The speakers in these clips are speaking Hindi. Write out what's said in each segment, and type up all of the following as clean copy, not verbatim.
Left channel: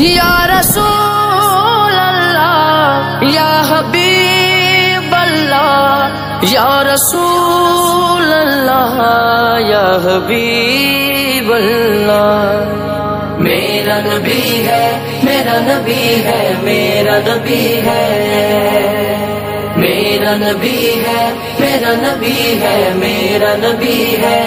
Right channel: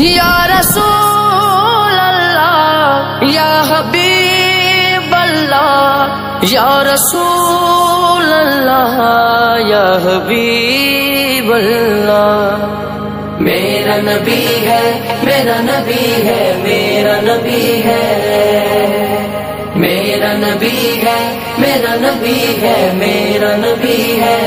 या रसूल अल्लाह या हबीब अल्लाह या रसूल अल्लाह या हबीब अल्लाह। मेरा नबी है, मेरा नबी है, मेरा नबी है, मेरा नबी है, मेरा नबी है, मेरा नबी है।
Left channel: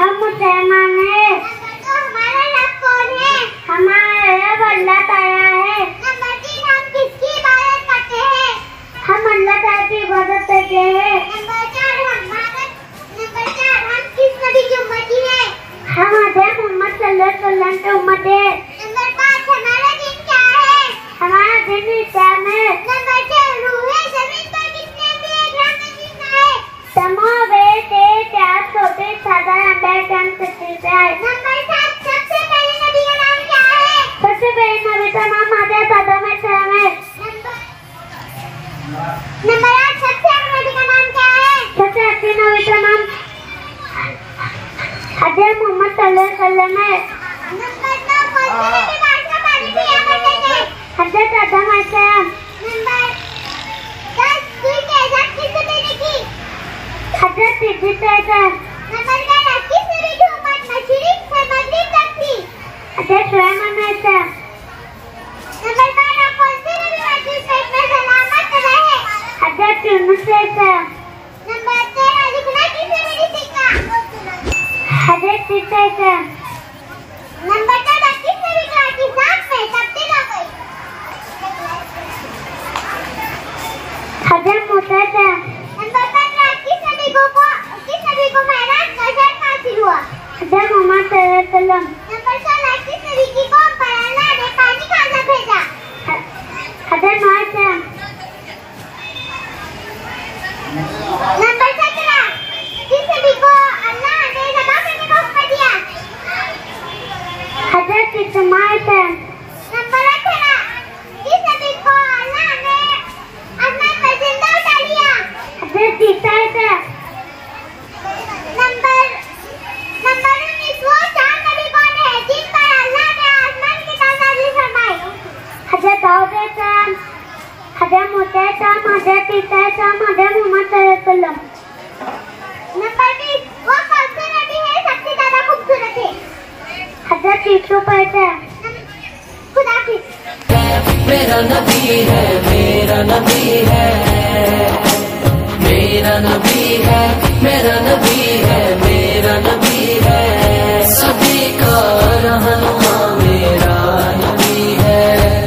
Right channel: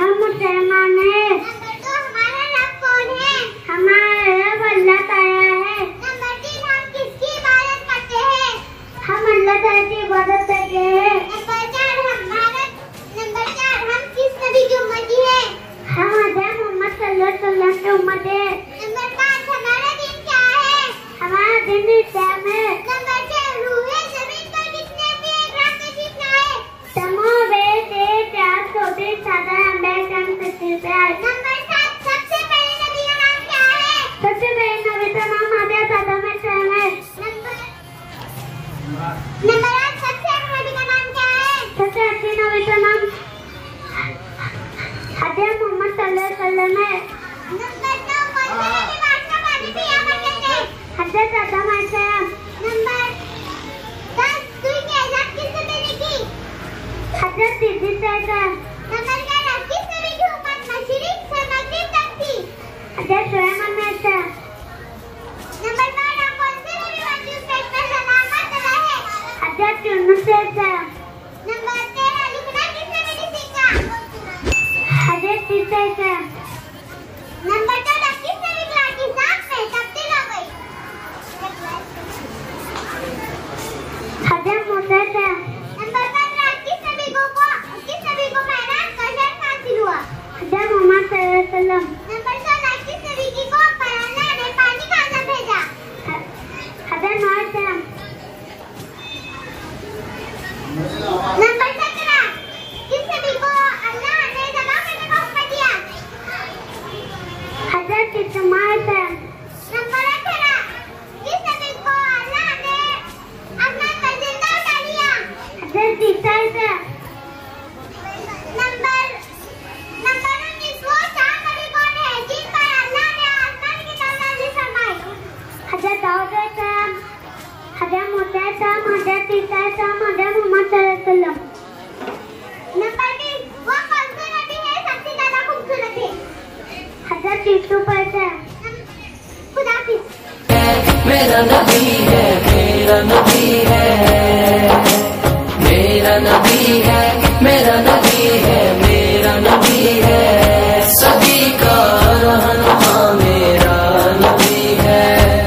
हम मुसलमान हैं। तो हमारा रब कौन है? हमारा रब अल्लाह ताला है। नंबर 3 हम किसकी इबादत करते हैं? हम अल्लाह ताला की इबादत करते हैं। नंबर 4 हम किस नबी की उम्मती हैं? हम हज़रत मोहम्मद सल्लल्लाहु अलैहि वसल्लम की उम्मत है। नंबर 5 हमारा दिन क्या है? हमारा दिन इस्लाम है। नंबर 6 रूहे ज़मीन पर कितने ग्राम में कितना है? तमाम नंबर 7 सबसे पहले नबी का नाम क्या है? सबसे पहले नबी का नाम हज़रत आदम अलैहिस्सलाम है। नंबर 8 सबसे आखिरी नबी का नाम क्या है? सबसे आखिरी नबी का नाम हज़रत मोहम्मद सल्लल्लाहु अलैहि वसल्लम है। नंबर 9 कौन से नबी बारिश का पानी पिया करते थे? हज़रत आदम अलैहिस्सलाम। नंबर 10 सुई की इजाज़त किसने देने की? हज़रत इद्रीस अलैहिस्सलाम। नंबर 11 किस नबी की उम्मत मशरिक से मगरिब तक थी? हज़रत सुलेमान अलैहिस्सलाम। नंबर 12 कौन से नबी मस्जिद में सलामत रहे? हज़रत यूनुस अलैहिस्सलाम। नंबर 13 लिखना किसने नहीं सीखा? हज़रत ईसा अलैहिस्सलाम। नंबर 14 किस नबी की जात में तब्दील हो गई? हज़रत मूसा अलैहिस्सलाम। नंबर 15 किस नबी को मेराज का शर्फ हासिल हुआ? हज़रत मोहम्मद सल्लल्लाहु अलैहि वसल्लम। नंबर 16 किस नबी की कौम पर अल्लाह ने पानी का अज़ाब भेजा? हज़रत नूह अलैहिस्सलाम। नंबर 17 किस नबी को अल्लाह ने ज़िबा करने का हुक्म दिया? हज़रत इस्माईल अलैहिस्सलाम। नंबर 18 किस नबी को अल्लाह ने आसमान पर जिंदा उठा लिया? हज़रत ईसा अलैहिस्सलाम। नंबर 19 वो 4 नबी कौन है जिन पर अल्लाह ने आसमान की नाज़िल फरमाई? हज़रत दाऊद अलैहिस्सलाम, हज़रत मूसा अलैहिस्सलाम, हज़रत ईसा अलैहिस्सलाम, हज़रत मोहम्मद सल्लल्लाहु अलैहि वसल्लम। नंबर 20 वो कौन से नबी है सबसे ज्यादा खूबसूरत है? हज़रत यूसुफ अलैहिस्सलाम। खुदा हाफिज़। मेरा नबी है।